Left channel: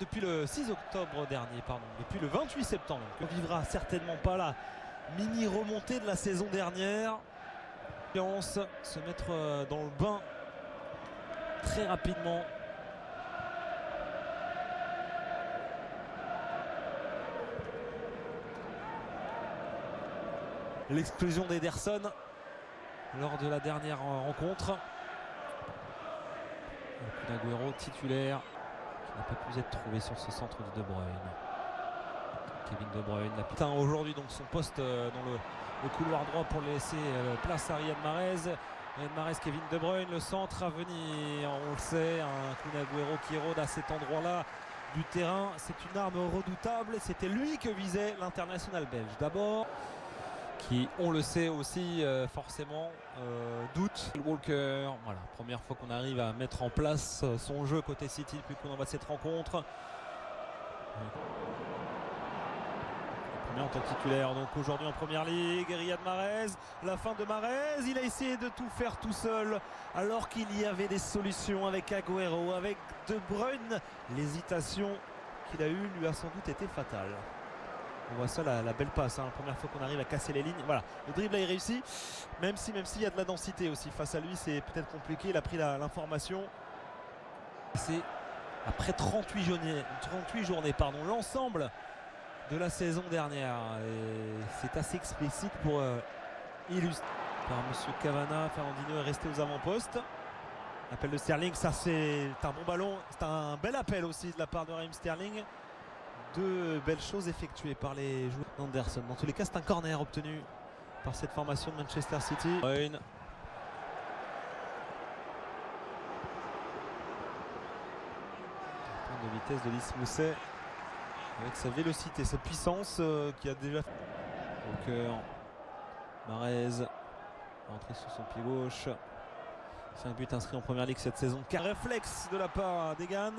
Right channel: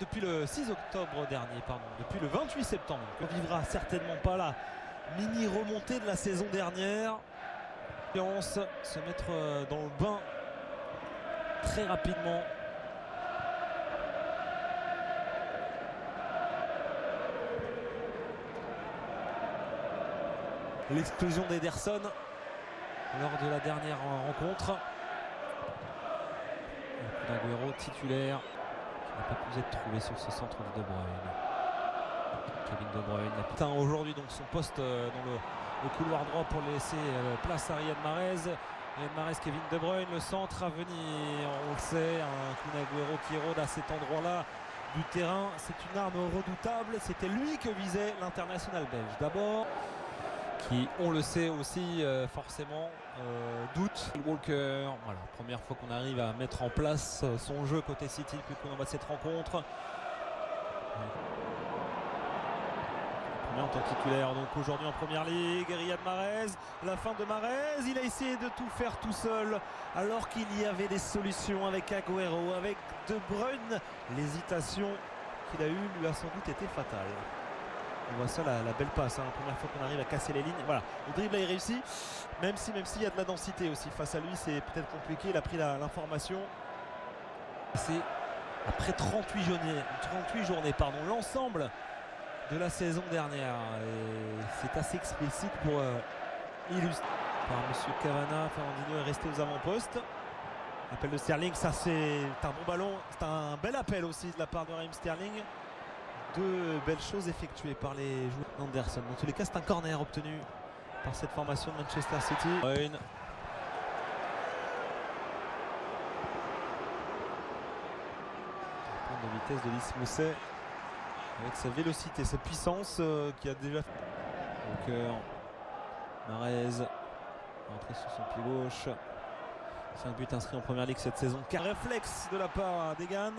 Depuis le 6 octobre dernier, depuis le 28 septembre. On vivra certainement pas la mini remontée de la saison dernière. Se mettre dans le bain très rapidement. L'explosion d'Ederson lors de la dernière rencontre. Agüero titulaire qui n'a pas pu être trouvé sur ce centre de De Bruyne. Kevin De Bruyne atteint aujourd'hui donc son poste dans le couloir droit pour laisser place à Riyad Mahrez. Riyad Mahrez, Kevin De Bruyne, le centre à venir, on le sait, un Kun Agüero qui rôde à cet endroit-là du terrain. C'est une arme redoutable, c'était lui que visait l'international belge. D'abord, qui, on le sait aussi, forcément, doute. Walker, voilà, première fois qu'on arrive à mettre en place son jeu côté City depuis qu'on envoie cette rencontre. Premier en tant que titulaire, donc aujourd'hui en première ligue, Riyad Mahrez, la fin de Mahrez, il a essayé de tout faire tout seul, alors qu'il y avait des solutions avec Agüero, avec De Bruyne. L'hésitation qu'il a eue lui a sans doute été fatale. On voit ça, la belle passe, hein. Première fois qu'on arrive à casser les lignes. Voilà, le dribble est réussi, même s'il y a de la densité aussi. Face à lui, c'est peut-être compliqué. Il a pris l'information. C'est après 38 journées, l'ensemble de la saison dernière. Et c'est assez explicite pour illustrer. Par Monsieur Cavana, Fernandinho est resté aux avant-postes. Appel de Sterling, ça c'est un bon ballon. C'est un bel appel aussi de la part de Raheem Sterling. Deux belles choses effectuées par les joueurs d'Anderson. Dans tous les cas, c'est un corner obtenu par cette formation de Manchester City. Point de vitesse de Lys Mousset avec sa vélocité, sa puissance qui a déjà fait. Walker, Mahrez, rentré sur son pied gauche. 5 buts inscrits en première ligue cette saison. Réflexe de la part d'Egan.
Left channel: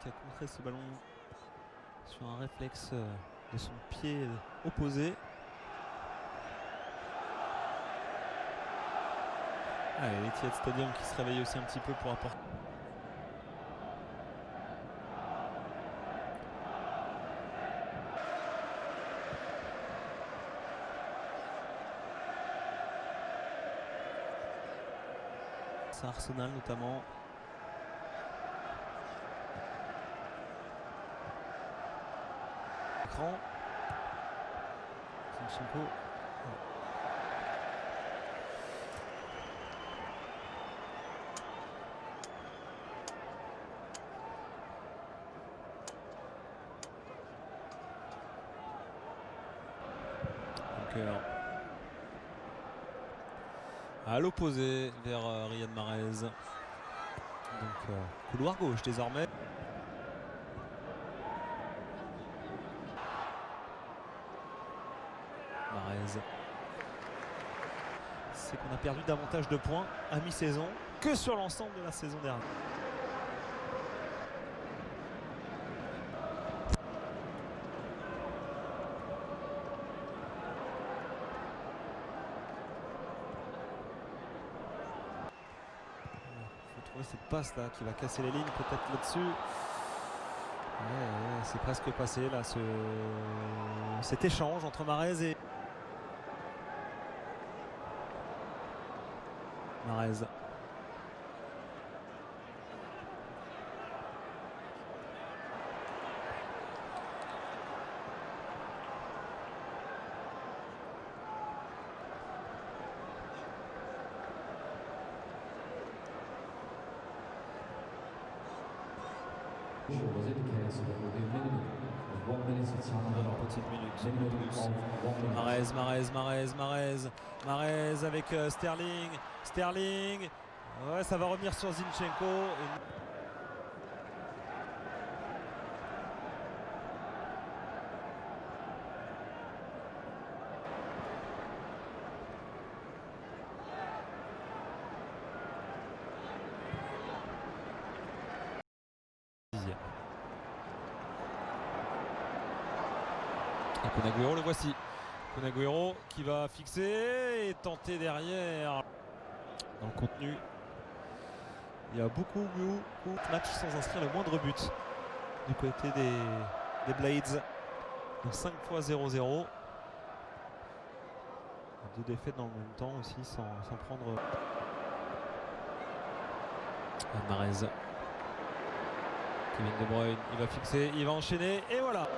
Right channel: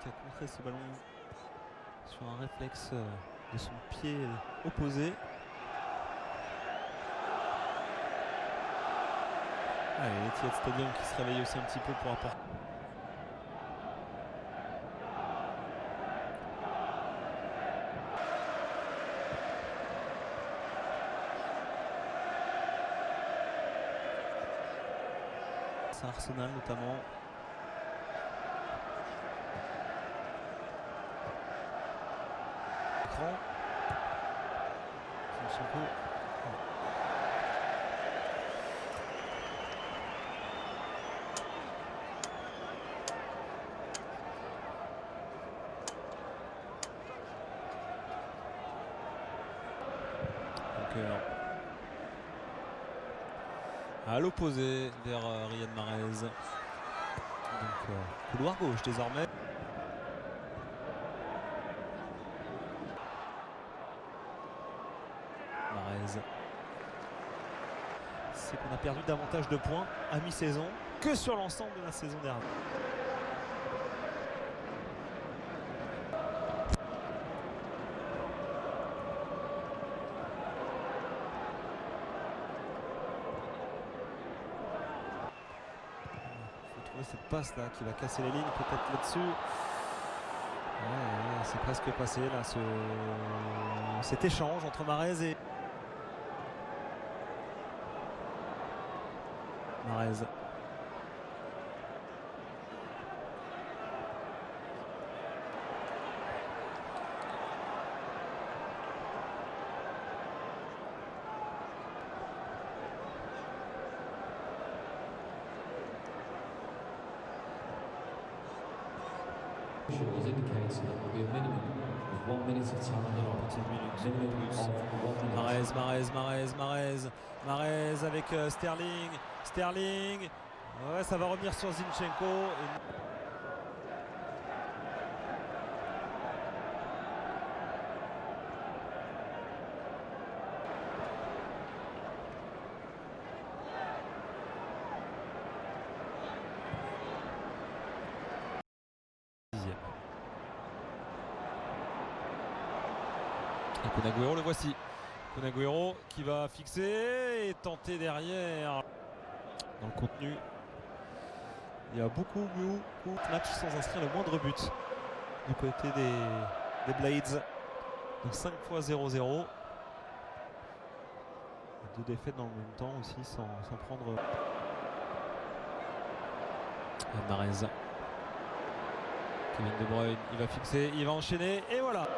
Qui a contré ce ballon sur un réflexe de son pied opposé. Allez, l'Etihad Stadium qui se réveille aussi un petit peu pour apporter. C'est Arsenal notamment. Zinchenko. Walker. À l'opposé vers Riyad Mahrez. Donc couloir gauche désormais. Mahrez. C'est qu'on a perdu davantage de points à mi-saison que sur l'ensemble de la saison dernière. Il faut trouver cette passe là qui va casser les lignes peut-être là-dessus. Ouais, c'est presque passé là cet échange entre Mahrez et Mahrez. Was indicated that there will be a minimum of 1 minute of time. Petite minute. Mahrez avec Sterling. Ouais, ça va revenir sur Zinchenko. Et Kun Agüero, le voici. Kun Agüero qui va fixer et tenter derrière dans le contenu Il y a beaucoup de matchs sans inscrire le moindre but du côté des Blades. Donc 5 fois 0-0. Deux défaites dans le même temps aussi sans prendre. Mahrez. Kevin De Bruyne, il va fixer, il va enchaîner et voilà.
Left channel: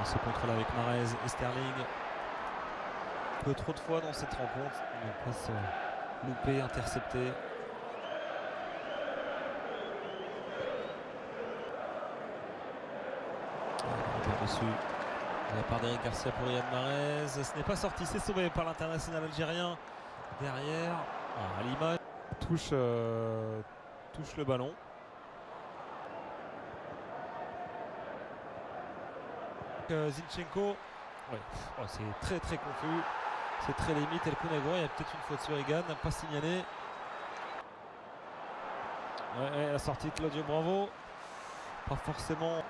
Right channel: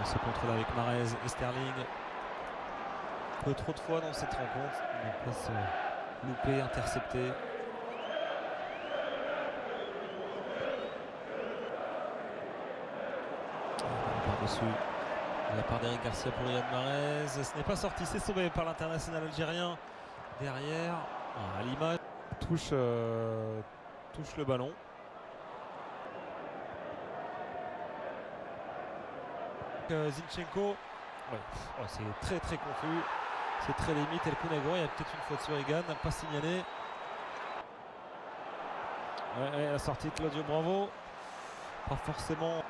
On se contrôle avec Mahrez et Sterling. Un peu trop de fois dans cette rencontre. On passe loupé, intercepté. Par-dessus de la part d'Eric Garcia pour Riyad Mahrez. Ce n'est pas sorti, c'est sauvé par l'international algérien. Derrière, à l'image, touche le ballon. Zinchenko, ouais, c'est très confus, c'est très limite. El Kunagüero, il y a peut-être une faute sur Egan, pas signalé. Ouais, la sortie de Claudio Bravo, pas forcément.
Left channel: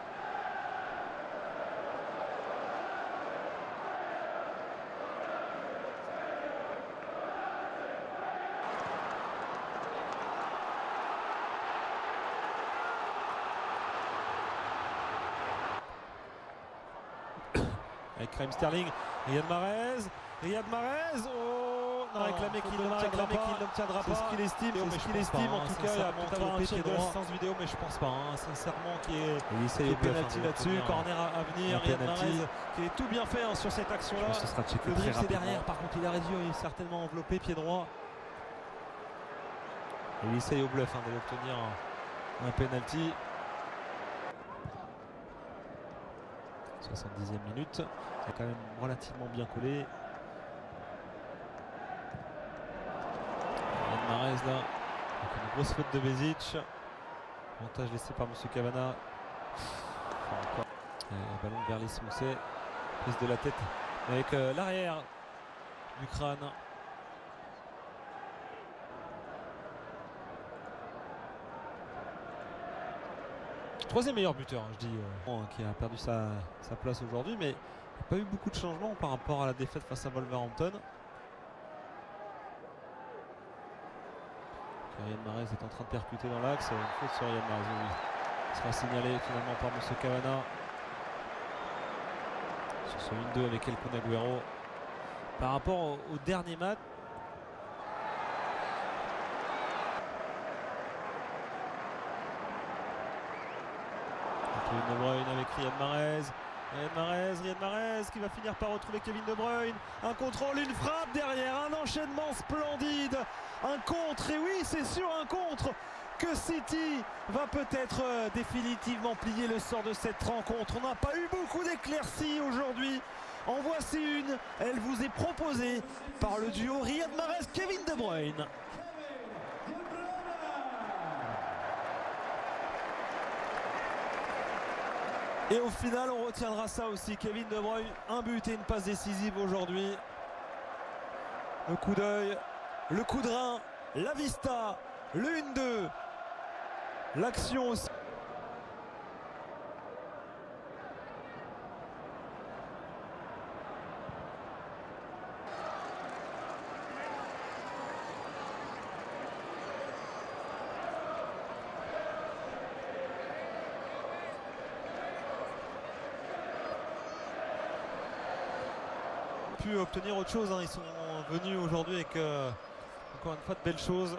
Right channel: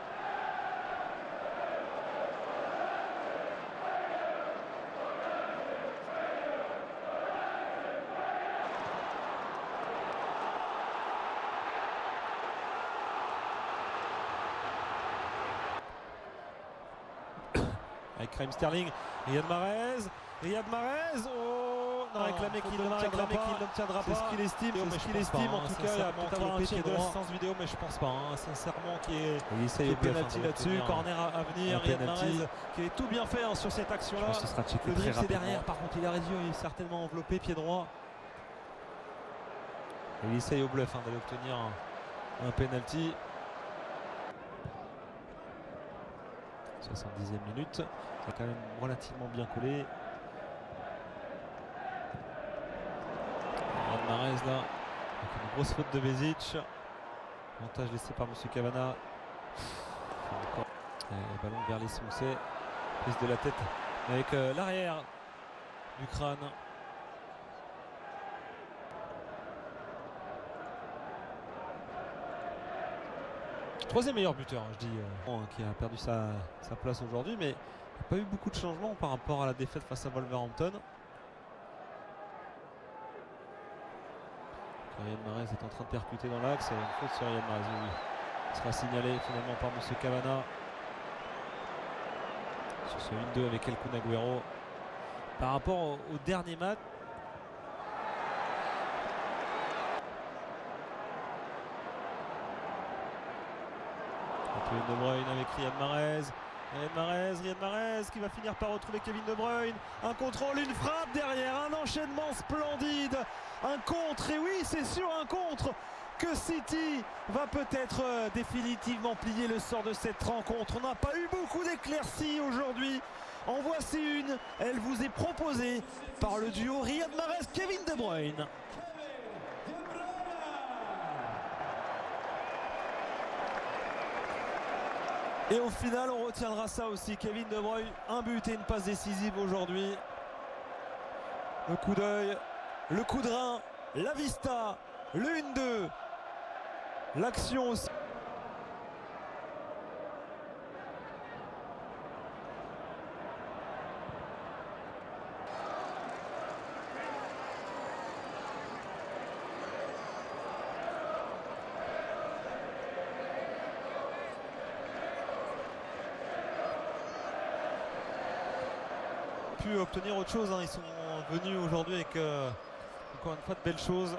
Avec Raheem Sterling, Riyad Mahrez, oh non, réclamé qu'il n'obtiendra pas. C'est ce qu'il estime, en tout cas, il va peut-être avoir un check de l'assistance vidéo, mais je pense pas, sincèrement, qu'il y ait pénalty là-dessus, corner à venir, Riyad Mahrez qui est tout bien fait sur cette action-là. Le dribble c'est derrière, par contre il a réduit, il est certainement enveloppé, pied droit. Et il essaye au bluff d'aller obtenir un pénalty. 70e minute, c'est quand même relativement bien collé. Mahrez là, avec une grosse faute de Bezic. Avantage laissé par Monsieur Cavana. Encore. Ballon vers les Mousset. Prise de la tête avec l'arrière du crâne. Troisième meilleur buteur, je dis, qui a perdu sa place aujourd'hui, mais il n'y a pas eu beaucoup de changements par rapport à la défaite face à Wolverhampton. Riyad Mahrez est en train de percuter dans l'axe, une faute sur Riyad Mahrez, oui. Il sera signalé finalement par Monsieur Cavana. Sur ce 1-2 avec El Kunagüero. Par rapport au dernier match. De Bruyne avec Riyad Mahrez. Riyad Mahrez qui va finir par retrouver Kevin De Bruyne. Un contrôle, une frappe derrière, un enchaînement splendide. Un contre, et oui, c'est sur un contre que City va peut-être définitivement plier le sort de cette rencontre. On n'a pas eu beaucoup d'éclaircies aujourd'hui. En voici une, elle vous est proposée par le duo Riyad Mahrez-Kevin De Bruyne. Et au final, on retiendra ça aussi. Kevin De Bruyne, un but et une passe décisive aujourd'hui. Le coup d'œil, le coup de rein, la vista, le 1-2. L'action aussi. Pu obtenir autre chose, ils sont venus aujourd'hui avec encore une fois de belles choses.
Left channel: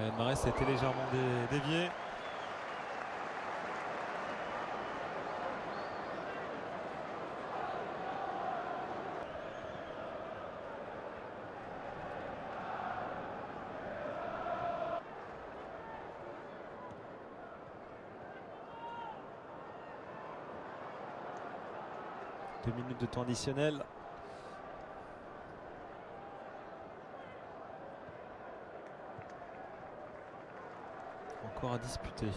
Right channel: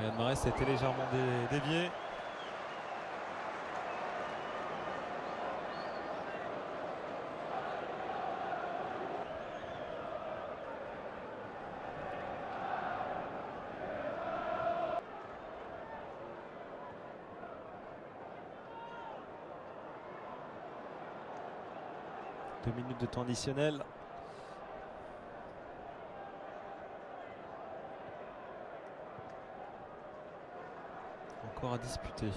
Riyad Mahrez a été légèrement dévié. 2 minutes de temps additionnel. Encore à disputer.